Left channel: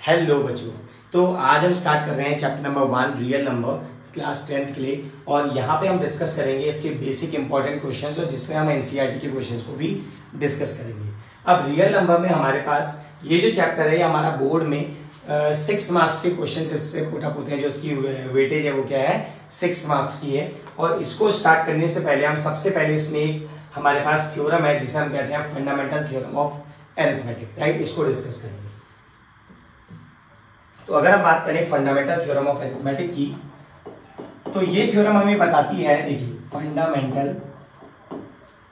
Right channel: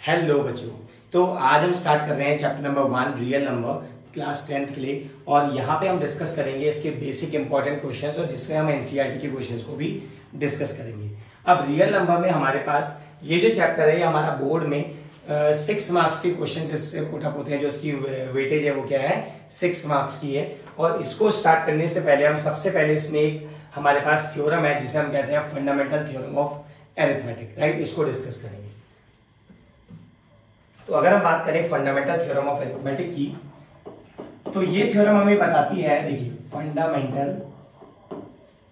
Hello बच्चों, तो आज हम स्टार्ट कर रहे हैं chapter number 1 real number class 10th के लिए। और यहाँ पे हम डिस्कस करेंगे इसके बेसिक इंपॉर्टेंट क्वेश्चंस और जिसमें हम एनसीईआरटी के क्वेश्चंस को भी डिस्कस करेंगे। अब रियल नंबर में हमारे पास ये जो चैप्टर है ये हमारा बोर्ड में 6 मार्क्स के क्वेश्चन इससे पुटअप होते हैं। जो इसकी वेटेज है वो क्या है, 6 मार्क्स की है। और इसको स्टार्ट करने से पहले हम सबसे पहले इसमें एक हमारे पास थ्योरम है जिसे हम कहते हैं fundamental theorem of arithmetic, right. इसको डिस्कस करेंगे। तो अगर हम बात करें फंडामेंटल थ्योरम ऑफ अरिथमेटिक की, तो ये थ्योरम हमें बताती है, देखिए फंडामेंटल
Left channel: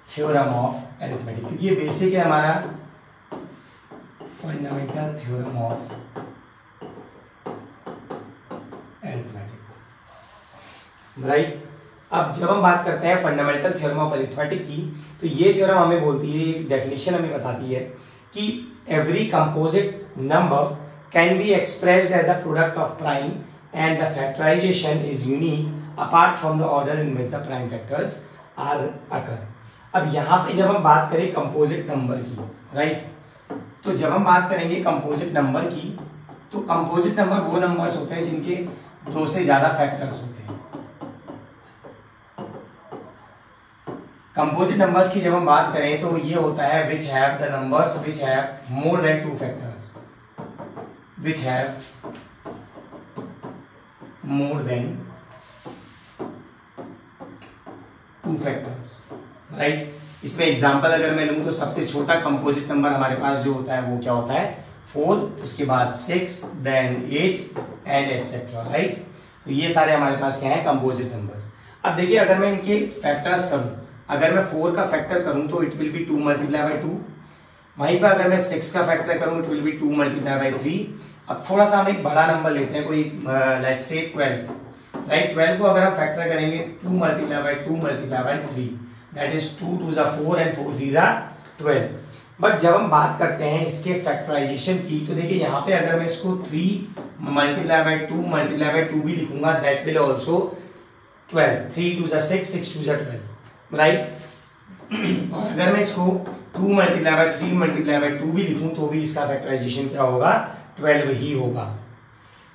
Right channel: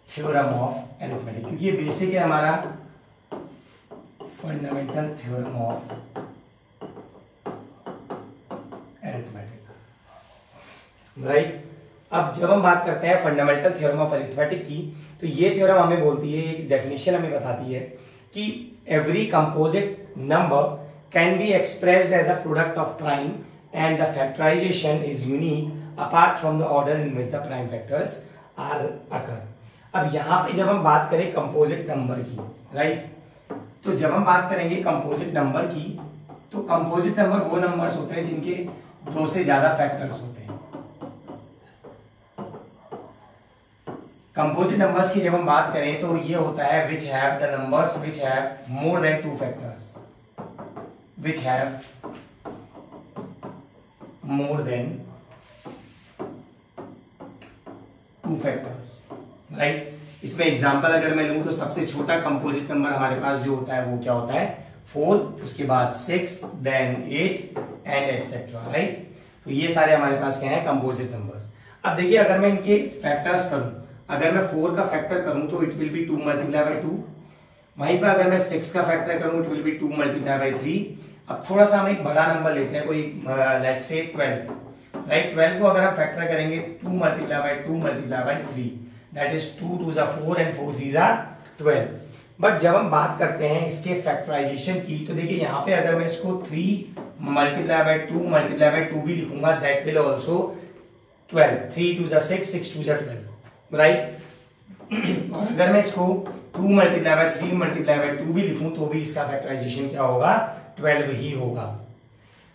थ्योरम ऑफ अरिथमेटिक, क्योंकि ये बेसिक है हमारा fundamental theorem of arithmetic, right. अब जब हम बात करते हैं फंडामेंटल थ्योरम ऑफ अरिथमेटिक की, तो ये थ्योरम हमें बोलती है, एक डेफिनेशन हमें बताती है कि every composite number can be expressed as a product of prime and the factorization is unique apart from the order in which the prime factors are occur। अब यहाँ पे जब हम बात करें कंपोजिट नंबर की, राइट, तो जब हम बात करेंगे कंपोजिट नंबर की, तो कंपोजिट नंबर वो नंबर्स होते हैं जिनके 2 से ज्यादा फैक्टर्स होते हैं। कंपोजिट नंबर्स की जब हम बात करें तो ये होता है which have the numbers which have more than 2 factors, which have more than 2 factors, right। इसमें एग्जांपल अगर मैं लूं तो सबसे छोटा कंपोजिट नंबर हमारे पास जो होता है वो क्या होता है, 4, उसके बाद 6, देन 8 एंड एटसेट्रा, राइट। तो ये सारे हमारे पास क्या है, कंपोजिट नंबर्स। अब देखिए अगर मैं इनके फैक्टर्स करूं, अगर मैं 4 का फैक्टर करूं तो it will be 2 multiply by 2। वहीं पर अगर मैं 6 का फैक्टर करूं it will be 2 multiply by 3। अब थोड़ा सा हम एक बड़ा नंबर लेते हैं, कोई लेट्स से 12, राइट। 12 को अगर हम फैक्टर करेंगे 2 multiply by 2 multiply by 3, that is 2 2 4 and 4 3 12। But जब हम बात करते हैं इसके फैक्टराइजेशन की, तो देखिए यहाँ पे अगर मैं इसको 3 मल्टीप्लाई बाय 2 मल्टीप्लाई बाय 2 भी लिखूंगा दैट विल ऑल्सो 12, 3 2 6 6 2 12, राइट। और अगर मैं इसको 2 मल्टीप्लाई बाय 3 मल्टीप्लाई बाय 2 भी लिखूं तो भी इसका फैक्टराइजेशन क्या होगा, 12 ही होगा।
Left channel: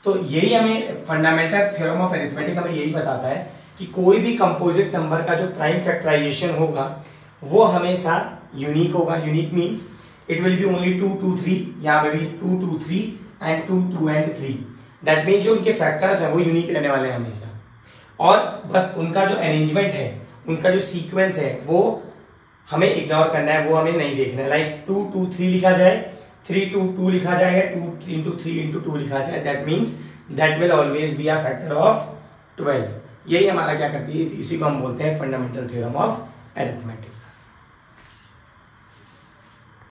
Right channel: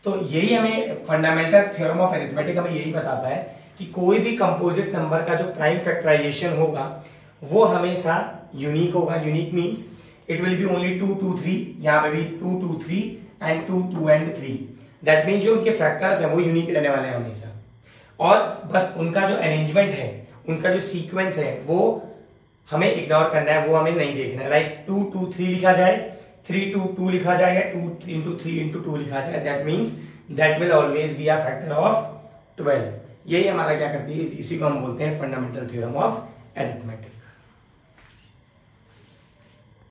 तो यही हमें फंडामेंटल थ्योरम ऑफ अरिथमेटिक हमें यही बताता है कि कोई भी कंपोजिट नंबर का जो प्राइम फैक्टराइजेशन होगा वो हमेशा यूनिक होगा। Unique means it will be only 2 2 3, यहाँ पे भी 2 2 3 एंड 2 2 एंड 3। दैट मीन्स जो उनके फैक्टर्स है वो यूनिक रहने वाले हैं हमेशा। और बस उनका जो अरेंजमेंट है, उनका जो सीक्वेंस है वो हमें इग्नोर करना है, वो हमें नहीं देखना है। लाइक 2 2 3 लिखा जाए, 3 2 2 लिखा जाए, या 2 3 3 2 लिखा जाए, that means that will always be a factor of 12। यही हमारा क्या करती है, इसी को हम बोलते हैं फंडामेंटल थ्योरम ऑफ अरिथमेटिक।